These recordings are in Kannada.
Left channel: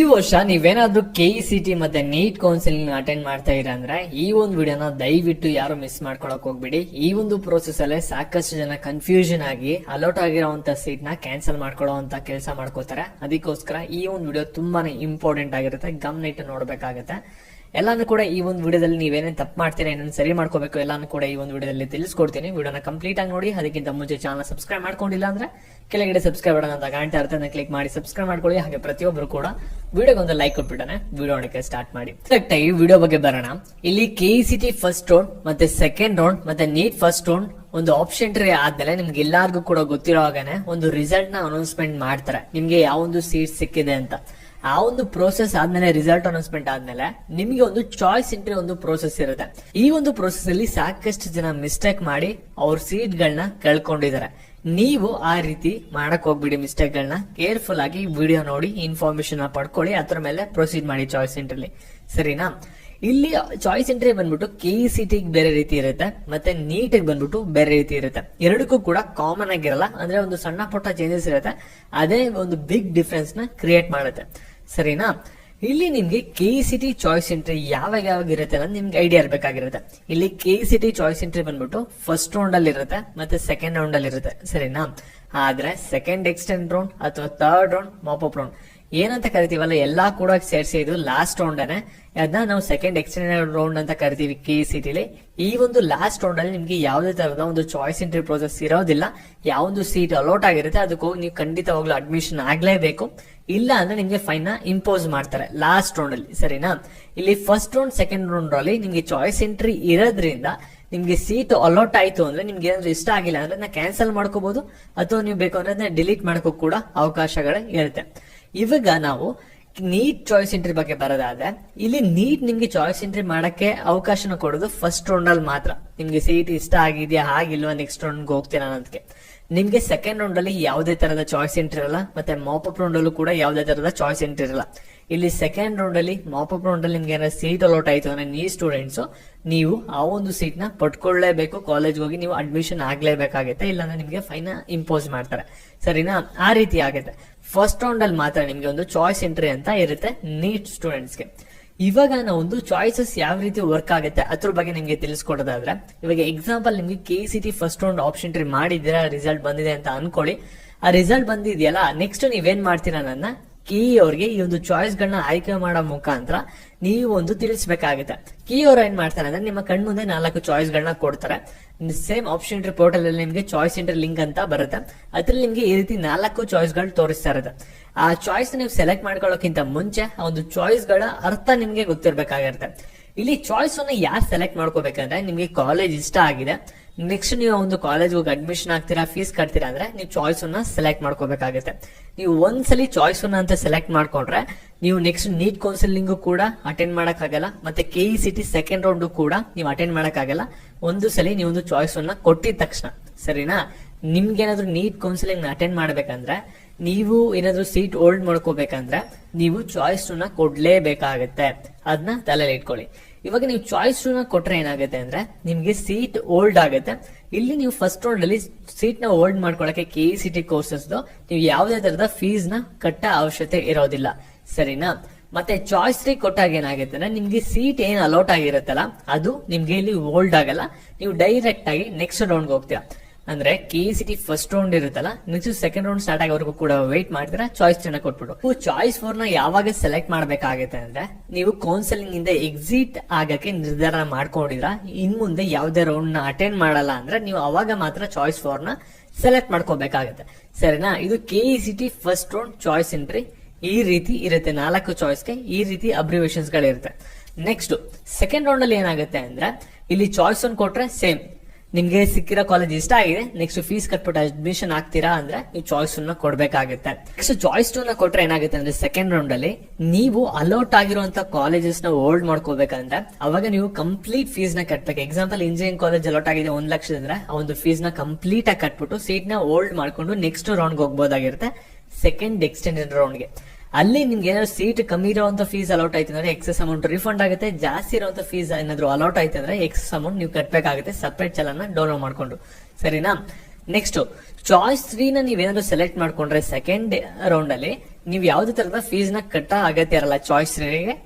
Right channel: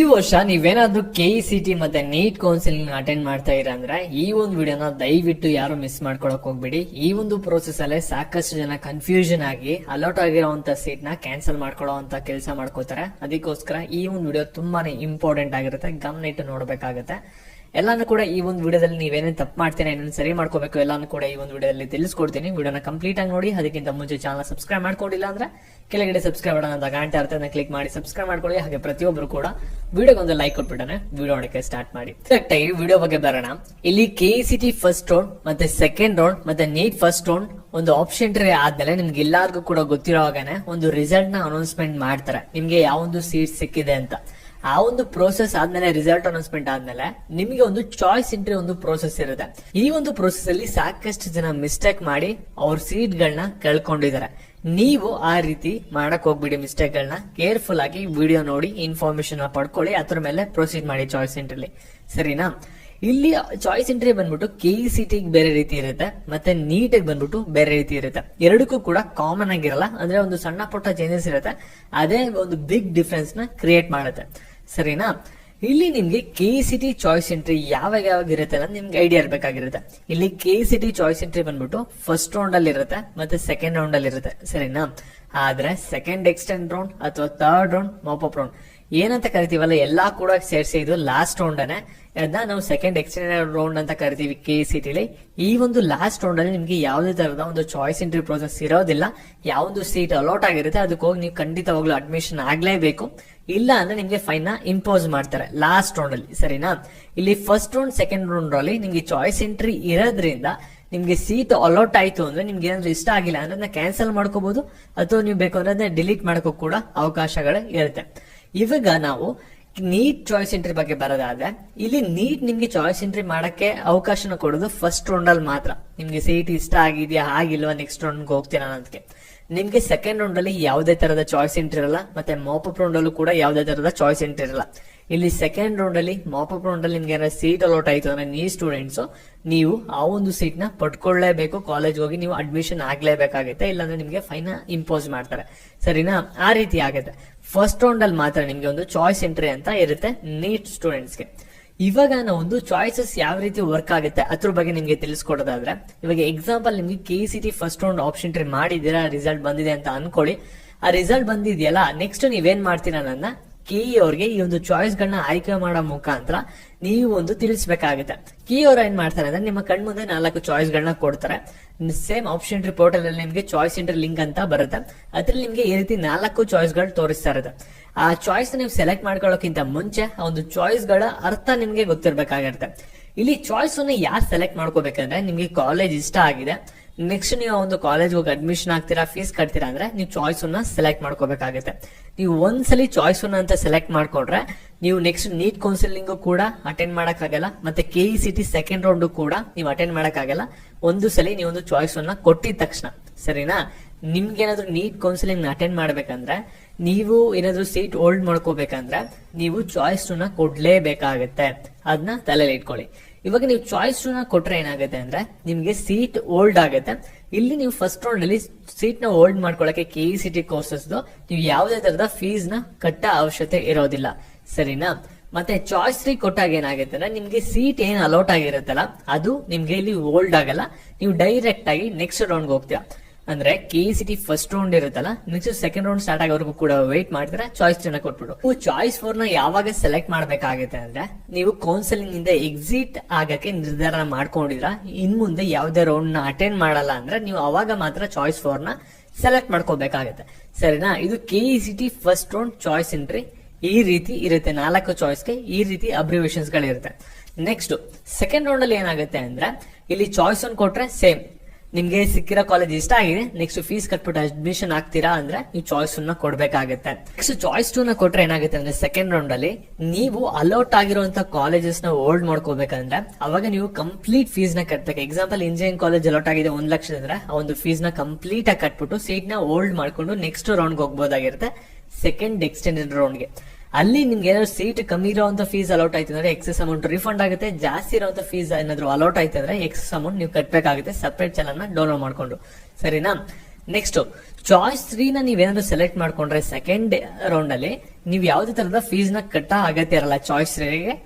ಈ ವರ್ಷ ನೀವೇನಾದ್ರೂ KECT ಮತ್ತೆ ನೀಟ್ ಕೌನ್ಸಿಲಿಂಗ್ ಅಟೆಂಡ್ ಮಾಡ್ತಾ ಇರ ಅಂದ್ರೆ ಈ ಒಂದು ವಿಡಿಯೋನ ದಯವಿಟ್ಟು ಯಾರು ಮಿಸ್ ಮಾಡ್ಕೊಳಕ್ ಹೋಗ್ಬೇಡಿ. ಈ ಒಂದು ಪ್ರೋಸೆಸ್ ಅಲ್ಲೇ ಸಾಕಷ್ಟು ಜನ ಕನ್ಫ್ಯೂಷನ್ ಆಗಿ ಅಲೌಟ್ ಆಗಿರೋಂತ ಸೀಟ್ ನ ಕ್ಯಾನ್ಸಲ್ ಮಾಡ್ಕೊಳ್ಳೋ ಅಂತ ಕೆಲಸ ಮಾಡ್ಕೋತಾರೆ. ಅದಕ್ಕೋಸ್ಕರ ಈ ಒಂದು ವಿಡಿಯೋ ತುಂಬಾನೇ ಇಂಪಾರ್ಟೆಂಟ್ ಆಗಿರುತ್ತೆ, ಗಮನ ಇಟ್ಟು ನೋಡ್ಬೇಕಾಗತ್ತೆ. ಎಲ್ಲಾನು ಕೂಡ ಈ ಒಂದು ವಿಡಿಯೋದಲ್ಲಿ ನೀವೇನೇನು ತಪ್ಪು ಮಾಡ್ತೀರಾ, ಏನೇನು ಸರಿ ಮಾಡ್ಕೋಬೇಕು ಎಲ್ಲಾನು ಕೂಡ ಈ ಒಂದು ವಿಡಿಯೋದಲ್ಲಿ ತಿಳಿಸ್ಕೊಡ್ತೀನಿ. ವಿಡಿಯೋನ ಕಂಪ್ಲೀಟ್ ಆಗಿ ನೋಡಿ. ಅದಕ್ಕಿಂತ ಮುಂಚೆ ಚಾನಲ್ ಸಬ್ಸ್ಕ್ರೈಬ್ ಮಾಡ್ಕೊಂಡಿಲ್ಲ ಅಂದ್ರೆ ಕೆಳಗಡೆ ಸಬ್ಸ್ಕ್ರೈಬ್ ಮಾಡೋಣ ಅಂತ ಕಾಣ್ತಾ ಇರುತ್ತೆ, ಅದನ್ನ ಕ್ಲಿಕ್ ಮಾಡಿ ಸಬ್ಸ್ಕ್ರೈಬ್ ಮಾಡ್ಕೊಳ್ಳಿ. ಹಾಗೆ ಪ್ರತಿಯೊಬ್ಬರು ಕೂಡ ವಿಡಿಯೋಗೆ ಒಂದು ಲೈಕ್ ಕೊಟ್ಬಿಟ್ಟನೆ ವಿಡಿಯೋ ನೋಡಕ್ಕೆ ಸ್ಟಾರ್ಟ್ ಮಾಡಿ. ಕರೆಕ್ಟ್ ಆಗಿ ವಿಡಿಯೋ ಬಗ್ಗೆ ಬರೋಣ. ಇಲ್ಲಿ KECT ಫಸ್ಟ್ ರೌಂಡ್ ಮತ್ತೆ ಸೆಕೆಂಡ್ ರೌಂಡ್ ಮತ್ತೆ ನೀಟ್ ಫಸ್ಟ್ ರೌಂಡ್ ಒಂದು ಆಪ್ಷನ್ ಟ್ರೇ ಆದ್ಮೇಲೆ ನಿಮ್ಗೆ ಎಲ್ಲಾರ್ಗು ಕೂಡ ಗೊತ್ತಿರೋ ಹಾಗೇನೆ ಒಂದು ರಿಸಲ್ಟ್ ನ ಅನೌನ್ಸ್ಮೆಂಟ್ ಮಾಡ್ತಾರೆ, ನಿಮ್ಗೆ ಯಾವೊಂದು ಸೀಟ್ ಸಿಕ್ಕಿದೆ ಅಂತ. ಆ ಒಂದು ಪ್ರೋಸೆಸ್ ಆದ್ಮೇಲೆ ರಿಸಲ್ಟ್ ಅನೌನ್ಸ್ಮೆಂಟ್ ಆದ್ಮೇಲೆ ನಿಮ್ಗೆ ಒಂದು ಚಾಯ್ಸ್ ಎಂಟ್ರಿ ಒಂದು ಪ್ರೋಸೆಸ್ ಇರುತ್ತೆ. ಈ ಒಂದು ಪ್ರೋಸೆಸ್ ಅಲ್ಲಿ ಸಾಕಷ್ಟು ಜನ ಮಿಸ್ಟೇಕ್ ಮಾಡಿ ಅವ್ರ ಸೀಟ್ ಗಳನ್ನ ಕಳ್ಕೊಂಡಿದ್ದಾರೆ. ನೀವು ಆ ರೀತಿ ಮಾಡಕ್ ಹೋಗ್ಬಿಡಿ. ಮಿಸ್ಟೇಕ್ ಗಳನ್ನ ಕೇರ್ಫುಲ್ ಆಗಿ ವಿಡಿಯೋ ನೋಡಿ ಇನ್ಫಾರ್ಮೇಶನ್ ಪಡ್ಕೊಳ್ಳಿ, ಅದ್ರ ಮೇಲೆ ಪ್ರೊಸೀಡ್ ಮಾಡಿ ಚಾಯ್ಸ್ ಎಂಟ್ರಿಲಿ, ಸರಿನಾ? ಇಲ್ಲಿ ಚಾಯ್ಸ್ ಎಂಟ್ರಿ ಬಂದ್ಬಿಟ್ಟು KECT ಬೇರೆ ರೀತಿ ಇರುತ್ತೆ, ಮತ್ತೆ ನೀಟ್ ಬಂದ್ಬಿಟ್ಟು ಬೇರೆ ರೀತಿ ಇರುತ್ತೆ. ಎರಡಕ್ಕೂ ಕೂಡ ಕಾಮನ್ ಆಗಿರಲ್ಲ, ಅಂದ್ರೆ ಒಂದು ಸಣ್ಣ ಪುಟ್ಟ ಚೇಂಜಸ್ ಇರುತ್ತೆ, ಅದೇ ಒಂದು ಬಿಗ್ ಡಿಫ್ರೆನ್ಸ್ ನ ಕ್ರಿಯೇಟ್ ಮಾಡುತ್ತೆ, ಸರಿನಾ? ಇಲ್ಲಿ ನಿಮ್ಗೆ KECT ಚಾಯ್ಸ್ ಎಂಟ್ರಿ ಯಾವಾಗ ಇರುತ್ತೆ ಅನ್ನೋದು ನಿಮ್ಗೆ ಐಡಿಯಾ ಇರಬೇಕಾಗಿರುತ್ತೆ. ಇಲ್ಲಿ KECT ಚಾಯ್ಸ್ ಎಂಟ್ರಿ ಬಂದ್ಬಿಟ್ಟು ಫಸ್ಟ್ ರೌಂಡ್ ಅಲ್ಲಿ ಇರುತ್ತೆ ಮತ್ತೆ ಸೆಕೆಂಡ್ ರೌಂಡ್ ಅಲ್ಲಿ ಇರುತ್ತೆ, ಸರಿನಾ? ಆದ್ರೆ ಸೆಕೆಂಡ್ ಎಕ್ಸ್ಟೆಂಡ್ ರೌಂಡ್ ಅಥವಾ ಥರ್ಡ್ ರೌಂಡ್ ಮಾಪ್ ರೌಂಡ್ ಏನಂತ ಕರಿತೀವಲ್ಲ, ಎಲ್ಲಾ ಕೂಡ ಸೇರಿಸಿ ಇದು ಲಾಸ್ಟ್ ರೌಂಡ್ ಅನ್ನ ಅದನ್ನ ನಾವು ಸೆಕೆಂಡ್ ಎಕ್ಸ್ಟೆಂಡೆಡ್ ರೌಂಡ್ ಅಂತ ಕರಿತೀವಿ KECT ಲಿ. ಈ ಒಂದು ಲಾಸ್ಟ್ ರೌಂಡ್ ಅಲ್ಲಿ ನಿಮ್ಗೆ ಯಾವುದೇ ತರದ ಒಂದು ಚಾಯ್ಸ್ ಎಂಟ್ರಿ ಪ್ರೋಸೆಸ್ ಇರೋದಿಲ್ಲ. ಯಾವೊಂದು ಸೀಟ್ ಅಲೌಟ್ ಆಗಿರುತ್ತೆ ಅದಕ್ಕೆ ಹೋಗಿ ನೀವು ಖಂಡಿತವಾಗ್ಲೂ ಅಡ್ಮಿಷನ್ ಆಗ್ಲೇಬೇಕು, ಇಲ್ಲ ಅಂದ್ರೆ ನಿಮ್ಗೆ ಫೈನ್ ನ ಇಂಪೋಸ್ ಮಾಡ್ತಾರೆ ಲಾಸ್ಟ್ ರೌಂಡ್ ಅಲ್ಲಿ, ಸರಿನಾ? ಇಲ್ಲಿ ಫಸ್ಟ್ ರೌಂಡ್ ಸೆಕೆಂಡ್ ರೌಂಡ್ ಅಲ್ಲಿ ನಿಮ್ಗೆ ಚಾಯ್ಸ್ ಎಂಟ್ರಿ ಇರೋದ್ರಿಂದ ನಿಮ್ಗೆ ಸೀಟ್ ಅಲೌಟ್ ಆಯ್ತು ಅಂದ್ರೆ ನಿಮ್ಗೆ ಏನಾದ್ರು ಇಷ್ಟ ಆಗಿಲ್ಲ ಅಂದ್ರೆ ಅದನ್ನ ಕ್ಯಾನ್ಸಲ್ ಮಾಡ್ಕೋಬಹುದು, ಅಥವಾ ನೀವು ಬೇಕು ಅಂದ್ರೆ ಅದನ್ನ ಡಿಲೀಟ್ ಮಾಡಕ್ಕೂ ಕೂಡ ಅವಕಾಶಗಳು ಇರುತ್ತೆ. ಇವಾಗ ನಾವು ನೀಟ್ ಚಾಯ್ಸ್ ಎಂಟ್ರಿ ಬಗ್ಗೆ ಬರೋದಾದ್ರೆ, ಇಲ್ಲಿ ನೀಟ್ ನಿಮ್ಗೆ ಚಾಯ್ಸ್ ಎಂಟ್ರಿ ಮಾಡಕ್ಕೆ ಅವಕಾಶನ ಕೊಡೋದು ಫಸ್ಟ್ ರೌಂಡ್ ಅಲ್ಲಿ ಮಾತ್ರ. ನಿಮ್ಗೆ ಸೀಟ್ ಇಷ್ಟ ಆಗಿದೆಯಾ ಆಗಿಲ್ವಾ ನೆಕ್ಸ್ಟ್ ರೌಂಡ್ ಹೋಗ್ತೀರಾ ಅನ್ನೋದಕ್ಕೆ. ನಿಮ್ಗೆ ಸೆಕೆಂಡ್ ರೌಂಡ್ ಅಲ್ಲಿ ಯಾವುದೇ ತರದ ಚಾಯ್ಸ್ ಎಂಟ್ರಿ ಇರಲ್ಲ, ಮತ್ತೆ ಮಾಪಪ್ ರೌಂಡ್ ಅಲ್ಲೂ ಕೂಡ ಯಾವುದೇ ತರದ ಚಾಯ್ಸ್ ಎಂಟ್ರಿ ಇರಲ್ಲ. ಇಲ್ಲಿ ಸೆಕೆಂಡ್ ರೌಂಡ್ ಅಲ್ಲಿ ಮಾಪಪ್ ರೌಂಡ್ ಅಲ್ಲಿ ನಿಮ್ಗೆ ಏನಾದ್ರು ಸೀಟ್ ಅಲೌಟ್ ಆಯ್ತು ಅಂದ್ರೆ ನೀಟ್ ಸ್ಟೂಡೆಂಟ್ಸ್ ನೀವು ಆ ಒಂದು ಸೀಟ್ ನ ಪಡ್ಕೊಳ್ಳೇಬೇಕು, ಕಾಲೇಜ್ ಹೋಗಿ ನೀವು ಅಡ್ಮಿಷನ್ ಆಗ್ಲೇಬೇಕಾಗುತ್ತೆ, ಇಲ್ಲಾಂದ್ರೆ ನಿಮ್ಗೆ ಫೈನ್ ಇಂಪೋಸ್ ಮಾಡ್ತಾರೆ, ಸರಿನಾ? ಆ ರೀತಿ ಆಗುತ್ತೆ. ಫಸ್ಟ್ ರೌಂಡ್ ಅಲ್ಲಿ ಮಾತ್ರ ನಿಮ್ಗೆ ಒಂದು ಚಾಯ್ಸ್ ಎಂಟ್ರಿ ಅಂತ ಇರುತ್ತೆ ನೀಟ್ ಸ್ಟೂಡೆಂಟ್ಸ್ಗೆ. ಇವಾಗ ನಾವು ಒಂದು ಚಾಯ್ಸಸ್ ಯಾವ ರೀತಿ ವರ್ಕ್ ಆಗುತ್ತೆ ಅದ್ರ ಬಗ್ಗೆ ನಿಮ್ಗೆ ತಿಳಿಸ್ಕೊಡೋದಾದ್ರೆ, ಇವಾಗ ಎಕ್ಸಾಂಪಲ್ ನಿಮ್ಗೆ KECT first round option try ಮಾಡಿದ್ದೀರಾ, ರಿಸಲ್ಟ್ ಬಂದಿದೆ ಅಂತ ಅನ್ಕೊಳ್ಳಿ. ಆ ರಿಸಲ್ಟ್ ಬಂದಿದೆಯಲ್ಲ, ನೆಕ್ಸ್ಟ್ ನೀವೇನ್ ಮಾಡ್ತೀರಾ ನನ್ನ ಅವ್ರಿಗೆ ಈ ಒಂದು ಚಾಯ್ಸ್ ಗಳನ್ನ ಆಯ್ಕೆ ಮಾಡೋ ಮುಖಾಂತರ ನೀವು ಒಂದು ತಿಳಿಸಬೇಕಾಗುತ್ತೆ. ಅವ್ರು ಏನ್ ಮಾಡ್ತಾರೆ ಅಂದ್ರೆ ನಿಮ್ಮ ಕಣ್ ಮುಂದೆ 4 ಚಾಯ್ಸ್ ಗಳನ್ನ ಕೊಡ್ತಾರೆ. ಸೇಮ್ ಆಪ್ಷನ್ ಎಂಟ್ರಿ ಪೋರ್ಟಲ್ ಅಲ್ಲಿ ನಿಮ್ಗೆ ಚಾಯ್ಸ್ ಎಂಟ್ರಿ ಲಿಂಕ್ ಅಂತ ಬರುತ್ತೆ, ಅದ್ರಲ್ಲಿ ನಿಮ್ಗೆ ಈ ರೀತಿ 4 ಚಾಯ್ಸ್ ಗಳು ತೋರಿಸ್ತಾ ಇರುತ್ತೆ. ಆ ಚಾಯ್ಸ್ ನೀವು ಸೆಲೆಕ್ಟ್ ಮಾಡ್ಕೊಳ್ಳೋಕ್ಕಿಂತ ಮುಂಚೆ ಆ ಒಂದು ಚಾಯ್ಸ್ ಗಳ ಅರ್ಥ ನಿಮ್ಗೆ ಗೊತ್ತಿರ್ಬೇಕಾಗಿರುತ್ತೆ. ಇಲ್ಲಿ ಚಾಯ್ಸ್ ಅನ್ನ ಯಾರು ಸೆಲೆಕ್ಟ್ ಮಾಡ್ಕೋಬೇಕಂದ್ರೆ, ನಿಮ್ಗೆ ಕಾಲೇಜ್ ಇಷ್ಟ ಆಗಿದೆ, ನೆಕ್ಸ್ಟ್ ನೀವು ಒಂದು ಕಾಲೇಜ್ ಹೋಗಿ ಅಡ್ಮಿಷನ್ ಆಗ್ತೀರಾ, ಫೀಸ್ ಕಟ್ತೀರಾ ಅಂದ್ರೆ ನೀವು ಚಾಯ್ಸ್ ಅನ್ನ ಸೆಲೆಕ್ಟ್ ಮಾಡ್ಕೋಬೇಕಾಗುತ್ತೆ. ನೀವು ಒಂದ್ಸಲಿ ಚಾಯ್ಸ್ ಅನ್ನ ಅಂತ ಸೆಲೆಕ್ಟ್ ಮಾಡ್ಕೊಂಡ್ರೆ ನೀವು ನೆಕ್ಸ್ಟ್ ನೀಟ್ ಕೌನ್ಸಿಲಿಂಗ್ ಕೂಡ ಅಟೆಂಡ್ ಮಾಡಕ್ ಆಗಲ್ಲ, ಮತ್ತೆ KECT ಸೆಕೆಂಡ್ ರೌಂಡ್ ಕೂಡ ನೀವು ಅಟೆಂಡ್ ಮಾಡಕ್ ಆಗಲ್ಲ. ಒಂದು ಸಲಿ ನೀವು ಒಂದು ಚಾಯ್ಸ್ ಅನ್ನ ಕೊಟ್ಟಿದ ತಕ್ಷಣ, ಸರಿನಾ? ನಿಮ್ಗೆ ಏನಾದ್ರು ನೀಟ್ ಕೌನ್ಸಿಲಿಂಗ್ ಅಟೆಂಡ್ ಮಾಡ್ಬೇಕಂದ್ರೆ, ನೀವು ಏನಾದ್ರು ಸೀಟ್ ಹೋಲ್ಡ್ ಮಾಡ್ಕೋಬೇಕಂದ್ರೆ ನೀವು ಚಾಯ್ಸ್ ಅನ್ನ ಕೊಡ್ಲೇಬೇಕಾಗತ್ತೆ, ಅದನ್ನ ತಲೆಯಲ್ಲಿ ಇಟ್ಕೊಳ್ಳಿ. ಇವಾಗ ನೀವು ಚಾಯ್ಸ್ ನ ಕೊಟ್ರೆ ಏನಾಗುತ್ತೆ ಅಂದ್ರೆ ನಿಮ್ಗೆ ಸೀಟ್ ಹೋಲ್ಡ್ ಆಗುತ್ತೆ. ಇಲ್ಲಿ ನೀವು ಫಸ್ಟ್ ರೌಂಡ್ ಅಲ್ಲಿ ಸೀಟ್ ನ ಹೋಲ್ಡ್ ಮಾಡ್ಕೊಳಕ್ಕೆ KECT ಕೋರ್ಸಸ್ ನೀವು ಯಾವುದೇ ತರದ ಫೀಸ್ ನ ಕಟ್ಟ ಅವಶ್ಯಕತೆ ಇರೋದಿಲ್ಲ, ಸರಿನಾ? ಮತ್ತೆ ಚಾಯ್ಸ್ 3 ಕೊಟ್ಟಾಗ ಏನಾಗುತ್ತೆ ಅಂದ್ರೆ ನಿಮ್ಗೆ ಸೀಟ್ ಏನ್ ಅಲೌಟ್ ಆಗಿರುತ್ತಲ್ಲ ಅದು ನಿಮ್ಗೆ ಇಲ್ಲಿ ಹೋಲ್ಡ್ ಆಗಲ್ಲ, ನೀವು ಡೈರೆಕ್ಟ್ ಆಗಿ ನೆಕ್ಸ್ಟ್ ರೌಂಡ್ ಹೋಗ್ತೀರಾ. ಅಂದ್ರೆ KECT ಫಸ್ಟ್ ರೌಂಡ್ ಇರುತ್ತಲ್ಲ, ನೆಕ್ಸ್ಟ್ ಸೆಕೆಂಡ್ ರೌಂಡ್ ಸ್ಟಾರ್ಟ್ ಆಗೋವರೆಗೂ ಕೂಡ ವೇಟ್ ಮಾಡ್ತೀರಾ, ಚಾಯ್ಸ್ ನ ಕೊಟ್ಬಿಟ್ಟು. ಚಾಯ್ಸ್ 4 ನ ಯಾವಾಗ ಸೆಲೆಕ್ಟ್ ಮಾಡ್ಬೇಕಾಗುತ್ತೆ ಅಂದ್ರೆ, ನೀವು ಕೌನ್ಸಿಲಿಂಗ್ ಇಂದ ಎಕ್ಸಿಟ್ ಆಗಕ್ಕೆ ನಿರ್ಧಾರ ಮಾಡ್ಕೊಂಡಿದ್ರ, ಇನ್ ಮುಂದೆ ಯಾವುದೇ ರೌಂಡ್ ನ ಅಟೆಂಡ್ ಮಾಡಲ್ಲ ಅಂದ್ರೆ ನೀವು ಅವಾಗ ಮಾತ್ರ ಚಾಯ್ಸ್ 4 ನ ಸೆಲೆಕ್ಟ್ ಮಾಡ್ಕೋಬೇಕಾಗುತ್ತೆ, ಸರಿನಾ? ಇದು KECT first round choice entry ಈ ರೀತಿ ಇರುತ್ತೆ. 4 ಚಾಯ್ಸ್ಗೆ ಈ ರೀತಿ ಅಬ್ರಿವೇಷನ್ಸ್ ಗಳಿರುತ್ತೆ. ನೆಕ್ಸ್ಟ್ ಸೆಕೆಂಡ್ ರೌಂಡ್ ಅಲ್ಲಿ ಏನಾಗುತ್ತೆ ಅಂದ್ರೆ, ಇಲ್ಲಿ ಚಾಯ್ಸ್ ಅನ್ನು ಕೊಟ್ರೆ ಸೇಮ್ ನಿಮ್ಗೆ ಸಿಕ್ಕಿರೋ ಕಾಲೇಜ್ ಇಷ್ಟ ಆಗಿದೆ, ನೆಕ್ಸ್ಟ್ ಫೀಸ್ ಕಟ್ಬಿಟ್ಟು ಅಡ್ಮಿಷನ್ ಆಗ್ತೀರಾ ಅಂದ್ರೆ ನೀವು ಚಾಯ್ಸ್ ಅನ್ನ ಕೊಡ್ಬೇಕಾಗುತ್ತೆ. ನೆಕ್ಸ್ಟ್ ಚಾಯ್ಸ್ 2 ನ ಕೊಟ್ರೆ ಏನಾಗುತ್ತೆ ಅಂದ್ರೆ, ಸೆಕೆಂಡ್ ರೌಂಡ್ ಅಲ್ಲಿ ನೀವು ಅಲೌಟ್ ಆಗಿರುವಂತ ಕಾಲೇಜಸ್ ನ ಹೋಲ್ಡ್ ಮಾಡ್ಕೋಬೇಕಂದ್ರೆ ಅವಾಗ ನೀವು ಕಂಪ್ಲೀಟ್ ಫೀಸ್ ನ ಕಟ್ಬೇಕು. ಎಕ್ಸಾಂಪಲ್ ಇಂಜಿನಿಯರಿಂಗ್ ಕಾಲೇಜ್ ಅಲೌಟ್ ಆಗಿದೆ 1 ಲಕ್ಷ ಅಂದ್ರೆ ಆ ಒಂದು ಫೀಸ್ ನ ಕಂಪ್ಲೀಟ್ ಆಗಿ ಕಟ್ಬಿಟ್ಟು ಸೀಟ್ ನ ಹೋಲ್ಡ್ ಮಾಡ್ಕೊಂಡು ನೆಕ್ಸ್ಟ್ ರೌಂಡ್ ಹೋಗ್ಬೋದಾಗಿರುತ್ತೆ, ಸೆಕೆಂಡ್ ಎಕ್ಸ್ಟೆಂಡೆಡ್ ರೌಂಡ್ ಗೆ. ಅಲ್ಲಿ ನಿಮ್ಗೆ ಏನಾದ್ರು ಸೀಟ್ ಕಮ್ಮಿ ಇರುವಂತ ಫೀಸ್ ಅಲೌಟ್ ಆಯ್ತು ಅಂದ್ರೆ ಎಕ್ಸೆಸ್ ಅಮೌಂಟ್ ರಿಫಂಡ್ ಆಗುತ್ತೆ, ಜಾಸ್ತಿ ಇರುವಂತ ಫೀಸ್ ಏನಾದ್ರು ಅಲೌಟ್ ಆಯ್ತು ಅಂದ್ರೆ ಎಕ್ಸೆಸ್ ಅಮೌಂಟ್ ನೀವು ಕಟ್ಬೇಕಾಗುತ್ತೆ ಸಪರೇಟ್ ಚಲನ ಡೌನ್ಲೋಡ್ ಮಾಡ್ಕೊಂಡು, ಸರಿನಾ? ನೆಕ್ಸ್ಟ್ ಚಾಯ್ಸ್ 3 ನ ನೀವೇನಾದ್ರು ಸೆಲೆಕ್ಟ್ ಮಾಡ್ಕೊಂಡ್ರೆ ಸೆಕೆಂಡ್ ರೌಂಡ್ ಅಲ್ಲಿ ನೀವು ಯಾವ್ದೇ ತರದ ಫೀಸ್ ನ ಕಟ್ಟ ಅಗತ್ಯ ಇರಲ್ಲ. ಚಾಯ್ಸ್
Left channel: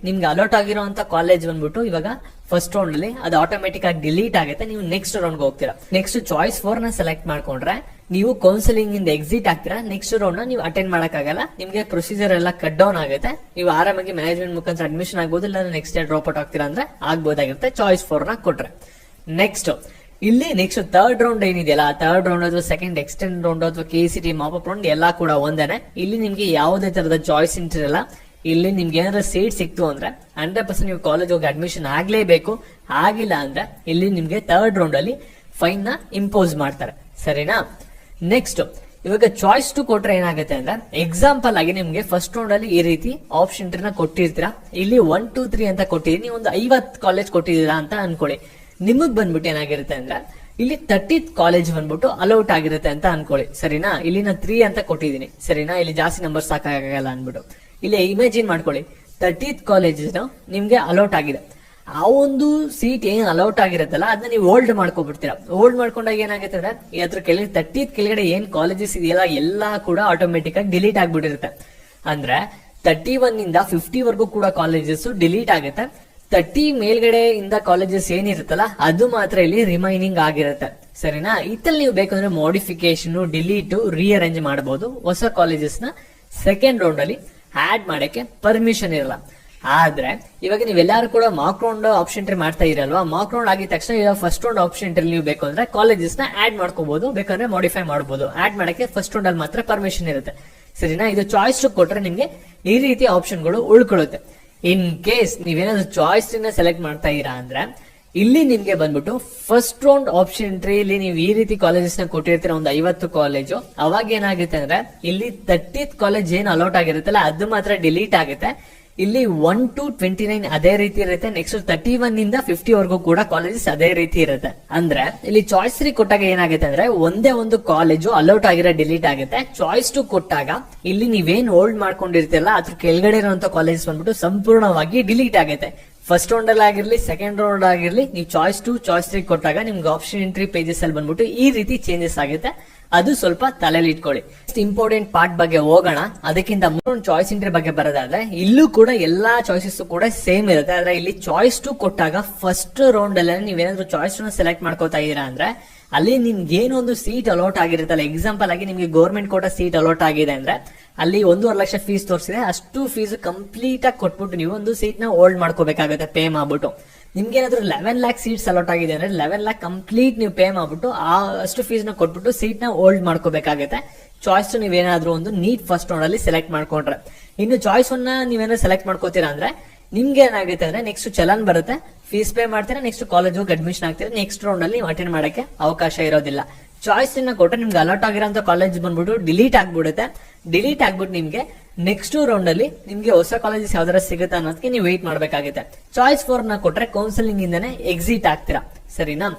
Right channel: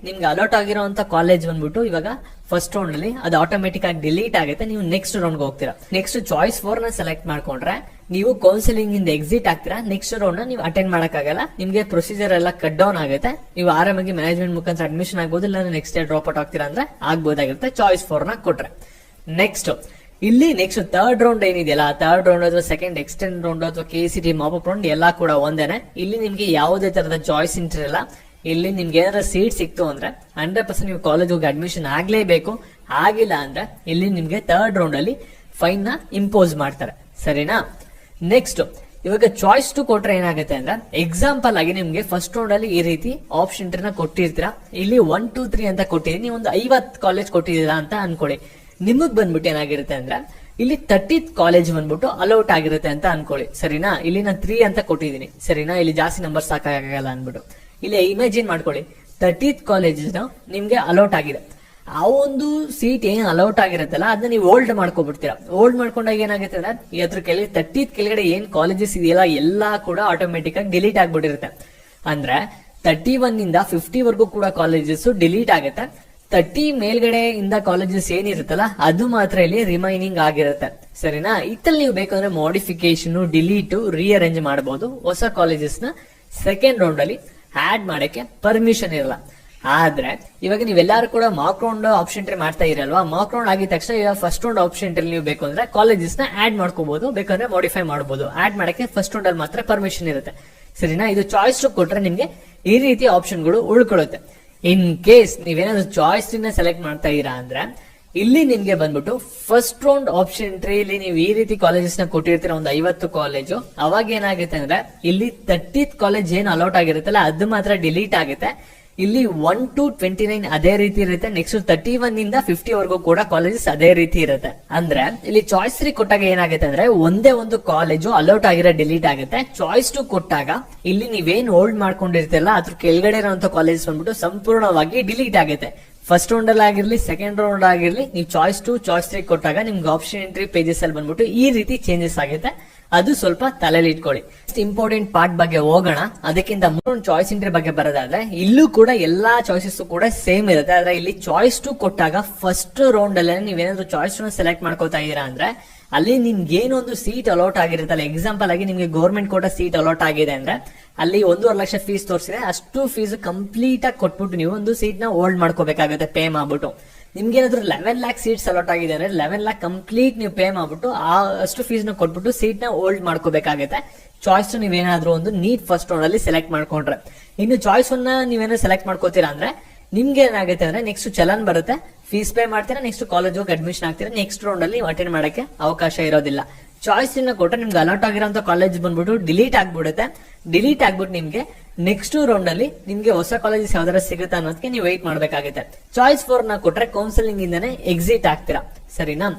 ನಿಮ್ಗೆ ಅಲೌಟ್ ಆಗಿರುವಂತ ಕಾಲೇಜ್ ಬಂದ್ಬಿಟ್ಟು ಇವಾಗ ಫಸ್ಟ್ ರೌಂಡ್ ಅಲ್ಲಿ ಅದು ಆಟೋಮೆಟಿಕ್ ಆಗಿ ಡಿಲೀಟ್ ಆಗುತ್ತೆ. ನೀವು ನೆಕ್ಸ್ಟ್ ರೌಂಡ್ ಹೋಗ್ತೀರಾ. ನೆಕ್ಸ್ಟ್ ಚಾಯ್ಸ್ 4 ನ ಸೆಲೆಕ್ಟ್ ಮಾಡ್ಕೊಂಡ್ರೆ ನೀವು ಕೌನ್ಸಿಲಿಂಗ್ ಇಂದ ಎಕ್ಸಿಟ್ ಆಗ್ತೀರಾ. ನೆಕ್ಸ್ಟ್ ರೌಂಡ್ ನ ನೀವು ಅಟೆಂಡ್ ಮಾಡಕ್ಕಾಗಲ್ಲ. ನಿಮ್ಗೆ ಪ್ರೊಸೀಜರ್ ಎಲ್ಲ ಕಟ್ ಡೌನ್ ಆಗುತ್ತೆ. ನೀವು ಆರಾಮಾಗಿ ಮ್ಯಾನೇಜ್ಮೆಂಟ್ ಮುಖಾಂತರ ಅಡ್ಮಿಷನ್ ಆಗ್ಬೋದು, ಇಲ್ಲ ನೆಕ್ಸ್ಟ್ ಡೇ ಡ್ರಾಪ್ ಔಟ್ ಆಗ್ತೀರಾ ಅಂದ್ರೆ ಆಗ್ಬೋದಾಗಿರುತ್ತೆ ಚಾಯ್ಸ್ 4 ನ ಕೊಟ್ರೆ. ನೆಕ್ಸ್ಟ್ ಇಲ್ಲಿ ನೆಕ್ಸ್ಟ್ ಥರ್ಡ್ ರೌಂಡ್ ಏನಿದೆಯಲ್ಲ, ಥರ್ಡ್ ರೌಂಡ್ ಅಥವಾ ಸೆಕೆಂಡ್ ಎಕ್ಸ್ಟೆಂಡ್ ರೌಂಡ್ ಅಥವಾ KCT ಮಾಪಪ್ ರೌಂಡ್ ಎಲ್ಲಾ ಕೂಡ ಒಂದೇನೆ. ಇಲ್ಲಿ ನಿಮ್ಗೆ ಯಾವುದೇ ತರದ ಚಾಯ್ಸ್ ಇರಲ್ಲ. ಇಲ್ಲಿ ನಿಮ್ಗೆ ಏನಾದ್ರು ಸೀಟ್ ಸಿಕ್ತು ಅಂದ್ರೆ 100% ನೀವು ಕಾಲೇಜ್ ಹೋಗಿ ಅಡ್ಮಿಷನ್ ಆಗ್ಲೇಬೇಕು. ಆಗಿಲ್ಲ ಅಂದ್ರೆ ಇಲ್ಲಿ ನಿಮ್ಗೆ ಥರ್ಡ್ ರೌಂಡ್ ಅಲ್ಲಿ ಫೈನ್ ನ ಇಂಪೋಸ್ ಮಾಡ್ತಾರೆ. ಸರಿನಾ? ನೆಕ್ಸ್ಟ್ ಇವಾಗ ಚಾಯ್ಸ್ 2 ಕೊಟ್ರೆ ಏನಾಗುತ್ತೆ ಅಂದ್ರೆ, ಎಕ್ಸಾಂಪಲ್ ಆಗಿ ನಿಮ್ಗೆ ಫಸ್ಟ್ ರೌಂಡ್ ಅಲ್ಲಿ ಈ ರೀತಿ ಆಪ್ಷನ್ ನ ಕೊಟ್ಟಿರ್ತೀರಾ. ಇಲ್ಲಿ 1, 2, 3 ಅಂತ ಕೊಟ್ಟಿದೀನಿ. ನೀವು ಒಂದು 50 ಕಾಲೇಜ್ ಕೊಟ್ಟಿದ್ದೀರಾ ಅಂತ ಅನ್ಕೊಳ್ಳಿ. ನಿಮಗ್ ಬಂದ್ಬಿಟ್ಟು ಏನಾಗಿರುತ್ತೆ ಅಂದ್ರೆ ಇಲ್ಲಿ 30th ಕಾಲೇಜ್ ಬಂದ್ಬಿಟ್ಟು ಅಲೌಟ್ ಆಗಿರುತ್ತೆ ಅಂತ ಅನ್ಕೊಳ್ಳಿ. ಸರಿನಾ? ಇಲ್ಲಿ ನಾನು 3 ಅಂತ ಕೊಟ್ಟಿದ್ದೀನಿ. ಸರಿನಾ? ಇಲ್ಲಿ ಜಾಸ್ತಿ ನಂಬರ್ ಸಾಕಾಗಲ್ಲ ಅನ್ಬಿಟ್ಟು ಇಲ್ಲಿ ಇಮ್ಯಾಜಿನ್ ಮಾಡ್ಕೊಳ್ಳಿ, 30th ಕಾಲೇಜ್ ನಿಮ್ಗೆ ಅಲೌಟ್ ಆಗಿದೆ. ಆ ಒಂದು ಸೀಟ್ ಏನ್ ಅಲೌಟ್ ಆಗಿರುತ್ತಲ್ಲ ಅದನ್ನ ನೀವು ಹೋಲ್ಡ್ ಮಾಡ್ಕೊಬಿಡ್ತೀರಾ. ಹೋಲ್ಡ್ ಮಾಡ್ಕೊಂಡಾಗ ಏನಾಗುತ್ತೆ ಅಂದ್ರೆ ಅದ್ರ ಕೆಳಗೆ 30th ಕೆಳಗಡೆ ಏನ್ ಕಾಲೇಜಸ್ ಇದೆಯಲ್ಲ ಎಲ್ಲಾ ಕೂಡ ಆಟೋಮೆಟಿಕ್ ಆಗಿ ಡಿಲೀಟ್ ಆಗ್ಬಿಟ್ಟಿರುತ್ತೆ. ಅಂದ್ರೆ 31 ಇಂದ 50 ವರೆಗೂ ಕೂಡ ಕಾಲೇಜಸ್ ಡಿಲೀಟ್ ಆಗುತ್ತೆ. 30 ಮೇಲ್ಗಡೆ ಇಂದ ಕಾಲೇಜಸ್ ಏನಿರುತ್ತಲ್ಲ ಅದು ಮಾತ್ರ ಇಲ್ಲಿ ರಿಮೈನಿಂಗ್ ಆಗಿರುತ್ತೆ. ಸರಿನಾ? ಇತ್ತಲ್ಲಿ ನೀವು ಬೇಕಂದ್ರೆ ಮಾಡಿಫಿಕೇಶನ್, ಡಿಲೀಟ್, ರೀಅರೇಂಜ್ ಮಾಡಬಹುದು. ಹೊಸ ಕಾಲೇಜಸ್ ನ ಸೆಕೆಂಡ್ ರೌಂಡ್ ಅಲ್ಲಿ ಆಡ್ ಮಾಡಕ್ಕೆ ಪರ್ಮಿಷನ್ ಇರಲ್ಲ. ಆದ್ರೆ ಇವಾಗ ನೀವೆಲ್ಲರೂ ಕೂಡ ಮಾಕ್ ರೌಂಡ್ ಆಪ್ಷನ್ ಎಂಟ್ರಿ ಮಾಡ್ತಾ ಇರಲ್ವಾ? ಮಾಕ್ ರೌಂಡ್ ಆಗಿದ ತಕ್ಷಣ ಇವಾಗ ಫಸ್ಟ್ ರೌಂಡ್ ಆಪ್ಷನ್ ಎಂಟ್ರಿ ನೀವು ಬೇಕು ಅಂದ್ರೆ ಕಾಲೇಜಸ್ ನ ಆಡ್ ಮಾಡ್ಕೋಬಹುದು, ಬೇಕಂದ್ರೆ ಮಾಡಿಫೈ ಮಾಡಬಹುದು. ಆಡ್ ಮಾಡಕ್ಕೆ ಫಸ್ಟ್ ರೌಂಡ್ ಅಲ್ಲಿ ಮಾತ್ರ ಪರ್ಮಿಷನ್ ಇರುತ್ತೆ. ಸರಿನಾ? ಇದು ಚಾಯ್ಸ್ ಕೊಟ್ರೆ ನಿಮ್ಗೆ ಈ ರೀತಿ ಆಪ್ಷನ್ಗಳು ಉಳ್ಕೊಳ್ಳುತ್ತೆ. ಇನ್ ಕೇಸ್ ನೀವೇನಾದ್ರು ಚಾಯ್ಸ್ ನ ಸೆಲೆಕ್ಟ್ ಮಾಡ್ತಾ ಇರಾ ಅಂದ್ರೆ ಇಲ್ಲಿ ನಿಮ್ಗೆ ಬಂದ್ಬಿಟ್ಟು ಫಸ್ಟ್ ರೌಂಡ್ ಆಪ್ಷನ್ ಎಂಟ್ರಿ ಇಲ್ಲಿ ನೀವು ಈ ರೀತಿ ಕಾಲೇಜಸ್ ನ ಕೊಟ್ಟಿರ್ತೀರ, ಒಂದು 50 ಕಾಲೇಜು. ಅವಾಗ ಏನಾಗುತ್ತೆ ಅಂದ್ರೆ ಇಲ್ಲಿ 30th ಕಾಲೇಜ್ ಏನು ಅಲೌಟ್ ಆಗಿರುತ್ತಲ್ಲ ಅದು ಮಾತ್ರ ಡಿಲೀಟ್ ಆಗುತ್ತೆ. ಇಲ್ಲಿ 1 to 29 ಅದೇ ರೀತಿ ಇರುತ್ತೆ. ನೆಕ್ಸ್ಟ್ 31 ಇಂದ 50 ವರೆಗೂ ಕೂಡ ಕಾಲೇಜಸ್ ಅದೇ ರೀತಿ ಇರುತ್ತೆ. ಅಂದ್ರೆ ಇಲ್ಲಿ ಚಾಯ್ಸ್ 3 ಕೊಟ್ಟಾಗ ಏನಾಗುತ್ತೆ ಅಂದ್ರೆ ಒಂದೇ ಒಂದು ಕಾಲೇಜು ಅಲೌಟ್ ಆಗಿರೋ ಡಿಲೀಟ್ ಆಗುತ್ತೆ. ಚಾಯ್ಸ್ 2 ಕೊಟ್ಟಾಗ ಇಲ್ಲಿ ನೀವೇನ್ ಹೋಲ್ಡ್ ಮಾಡ್ಕೊಂಡಿರ್ತಿರಲ್ಲ ಅದ್ರ ಕೆಳಗಡೆ ಇರುವಂತ ಕಾಲೇಜಸ್ ಬಂದ್ಬಿಟ್ಟು ಸಂಪೂರ್ಣವಾಗಿ ಡಿಲೀಟ್ ಆಗುತ್ತೆ. ಫಸ್ಟ್ ರೌಂಡ್ ಅಲ್ಲಿ ಆಗಿರ್ಲಿ, ಸೆಕೆಂಡ್ ರೌಂಡ್ ಆಗಿರ್ಲಿ, ನೀವು ಚಾಯ್ಸ್ 2, ಚಾಯ್ಸ್ 3 ಕೊಟ್ಟಾಗ ನಿಮ್ಗೆ ಆಪ್ಷನ್ ಎಂಟ್ರಿ ಪೇಜಸ್ ಅಲ್ಲಿ ಬಂದ್ಬಿಟ್ಟು ಈ ರೀತಿ ಚೇಂಜಸ್ ಆಗುತ್ತೆ. ಅದು ಸ್ವಲ್ಪ ತಲೆಯಲ್ಲಿ ಇಟ್ಕೊಳ್ಳಿ. ಇಂಪಾರ್ಟೆಂಟ್ ಪಾರ್ಟ್ ಬಗ್ಗೆ ಹೋಗೋಣ. ಅದಕ್ಕಿಂತ ಮುಂಚೆ ಚಾಯ್ಸ್ ಎಂಟ್ರಿ ಬಗ್ಗೆ ಬರೋದಾದ್ರೆ ಇಲ್ಲೂ ಕೂಡ ಎಲ್ಲಾ ಚಾಯ್ಸಸ್ ಕೂಡ ಸೇಮ್ ಇರುತ್ತೆ. ಆದ್ರೆ ಇಲ್ಲಿ ಚಾಯ್ಸ್ 2 ಕೊಟ್ಟಾಗ ಫಸ್ಟ್ ರೌಂಡ್ ಅಲ್ಲಿ ನೀವೇನಾದ್ರೂ ಚಾಯ್ಸ್ 2 ಸೆಲೆಕ್ಟ್ ಮಾಡ್ಕೋತಾ ಇದೀರಾ ಅಂದ್ರೆ ಅಲ್ಲಿ ನಿಮ್ಗೆ ಏನೊಂದು ಸೀಟ್ ಅಲೌಟ್ ಆಗಿರುತ್ತಲ್ಲ, ಎಕ್ಸಾಂಪಲ್ ಆಗಿ ನಿಮ್ಗೆ ಗೌರ್ಮೆಂಟ್ ಕೋಟಾ ಸೀಟ್ ಅಲೌಟ್ ಆಗಿದೆ ಅಂದ್ರೆ ಅಲ್ಲಿ 1.5 ಲಕ್ಷ ಫೀಸ್ ತೋರಿಸಿದೆ. ಅಷ್ಟು ಫೀಸ್ ಕಂಪ್ಲೀಟ್ ಆಗಿ ಕೊಟ್ಬಿಟ್ಟು ನೀವು ಒಂದು ಸೀಟ್ ನ ಹೋಲ್ಡ್ ಮಾಡ್ಕೋಬೇಕಾಗುತ್ತೆ ಪೇ ಮಾಡ್ಬಿಟ್ಟು. ನಿಮ್ಗೆ ಏನಾದ್ರು 11 ಲ್ಯಾಕ್ ಸೀಟ್ಸ್ ಅಲೌಟ್ ಆಗಿದೆ ಅಂದ್ರೆ 11 ಲ್ಯಾಕ್ ಕಂಪ್ಲೀಟ್ ನೀವು ಪೇ ಮಾಡ್ಬಿಟ್ಟು ಅಷ್ಟು ಫೀಸ್ ನ ಕೊಟ್ಬಿಟ್ಟು ಸೀಟ್ ನ ಹೋಲ್ಡ್ ಮಾಡ್ಕೋಬೇಕಾಗುತ್ತೆ. ಚಾಯ್ಸ್ ನೀವೇನಾದ್ರೂ ಒಂದು ನೀಟ್ ಫಸ್ಟ್ ರೌಂಡ್ ಅಲ್ಲಿ ಸೆಲೆಕ್ಟ್ ಮಾಡ್ಕೊಂಡ್ರೆ, ಇನ್ನು ಚಾಯ್ಸ್ 1 ನೀವೇನೋ ಸೆಲೆಕ್ಟ್ ಮಾಡ್ಕೋತೀರಾ ಅಂದ್ರೆ ನಿಮ್ಗೆ ಏನಾಗುತ್ತೆ ಅಂದ್ರೆ ನೆಕ್ಸ್ಟ್ ಚಲನ್ ಬರುತ್ತೆ, ಫೀಸ್ ಪೇ ಮಾಡ್ತೀರಾ, ನೆಕ್ಸ್ಟ್ ಕಾಲೇಜ್ ಹೋಗಿ ಅಡ್ಮಿಷನ್ ಆಗ್ತೀರಾ. ನೆಕ್ಸ್ಟ್ ರೌಂಡ್ ಅಲ್ಲಿ ನೀವು ಅಟೆಂಡ್ ಮಾಡಕ್ಕೆ ಅವಕಾಶ ಇರೋದಿಲ್ಲ. ಚಾಯ್ಸ್ ಕೊಟ್ಟರೆ ನಿಮ್ಗೆ ಅಲರ್ಟ್ ಆಗಿರೋಂಥ ಕಾಲೇಜ್ ಬಂದ್ಬಿಟ್ಟು ಡಿಲೀಟ್ ಆಗ್ಬಿಡುತ್ತೆ. ಡಿಲೀಟ್ ಆಗ್ಬಿಟ್ಟು ನಿಮ್ಗೆ ನೆಕ್ಸ್ಟ್ ರೌಂಡ್ ಅಲ್ಲಿ ನಿಮ್ಗೆ ಹೊಸ ಕಾಲೇಜಸ್ ಯಾವ್ದಾರ ಸಿಗುತ್ತೆ ಅನ್ನೋದಕ್ಕೆ ನೀವು ವೆಯ್ಟ್ ಮಾಡ್ಬೇಕಾಗುತ್ತೆ. ಚಾಯ್ಸ್ 4 ಕೊಟ್ರೆ ಕೌನ್ಸಿಲಿಂಗ್ ಇಂದಾನೆ ಎಕ್ಸಿಟ್ ಆಗ್ತೀರಾ. ಸರಿನಾ?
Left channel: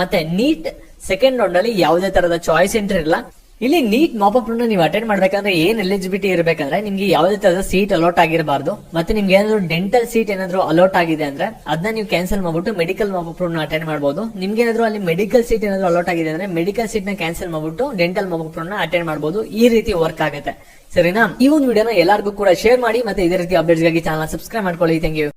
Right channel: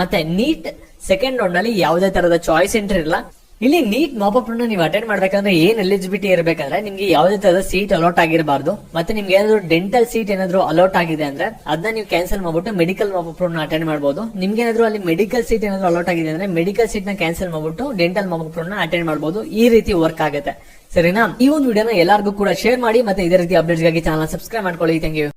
ಮತ್ತೆ ನೀಟ್ ಸೆಕೆಂಡ್ ರೌಂಡ್ ಅಲ್ಲಿ ಯಾವುದೇ ತರದ ಚಾಯ್ಸ್ ಎಂಟ್ರಿ ಇಲ್ಲ. ಇಲ್ಲಿ ನೀಟ್ ಮಾಪಪ್ ನೀವು ಅಟೆಂಡ್ ಮಾಡ್ಬೇಕಂದ್ರೆ ಏನ್ ಎಲಿಜಿಬಿಲಿಟಿ ಇರಬೇಕಂದ್ರೆ ನಿಮ್ಗೆ ಯಾವುದೇ ತರದ ಸೀಟ್ ಅಲೌಟ್ ಆಗಿರಬಾರ್ದು. ಮತ್ತೆ ನಿಮ್ಗೆ ಏನಾದ್ರು ಡೆಂಟಲ್ ಸೀಟ್ ಏನಾದ್ರು ಅಲೌಟ್ ಆಗಿದೆ ಅಂದ್ರೆ ಅದನ್ನ ನೀವು ಕ್ಯಾನ್ಸಲ್ ಮಾಡ್ಬಿಟ್ಟು ಮೆಡಿಕಲ್ ಮಾಪಪ್ ಅಟೆಂಡ್ ಮಾಡಬಹುದು. ನಿಮ್ಗೆ ಏನಾದ್ರು ಅಲ್ಲಿ ಮೆಡಿಕಲ್ ಸೀಟ್ ಏನಾದ್ರು ಅಲೌಟ್ ಆಗಿದೆ ಅಂದ್ರೆ ಮೆಡಿಕಲ್ ಸೀಟ್ ನ ಕ್ಯಾನ್ಸಲ್ ಮಾಡ್ಬಿಟ್ಟು ಡೆಂಟಲ್ ಮಾಪಪ್ ಅಟೆಂಡ್ ಮಾಡಬಹುದು. ಈ ರೀತಿ ವರ್ಕ್ ಆಗುತ್ತೆ. ಸರಿನಾ? ಈ ಒಂದು ವಿಡಿಯೋನ ಎಲ್ಲರಿಗೂ ಕೂಡ ಶೇರ್ ಮಾಡಿ ಮತ್ತೆ ಇದೇ ರೀತಿ ಅಪ್ಡೇಟ್ಸ್ ಗಾಗಿ ಚಾನಲ್ ಸಬ್ಸ್ಕ್ರೈಬ್ ಮಾಡ್ಕೊಳ್ಳಿ. Thank you.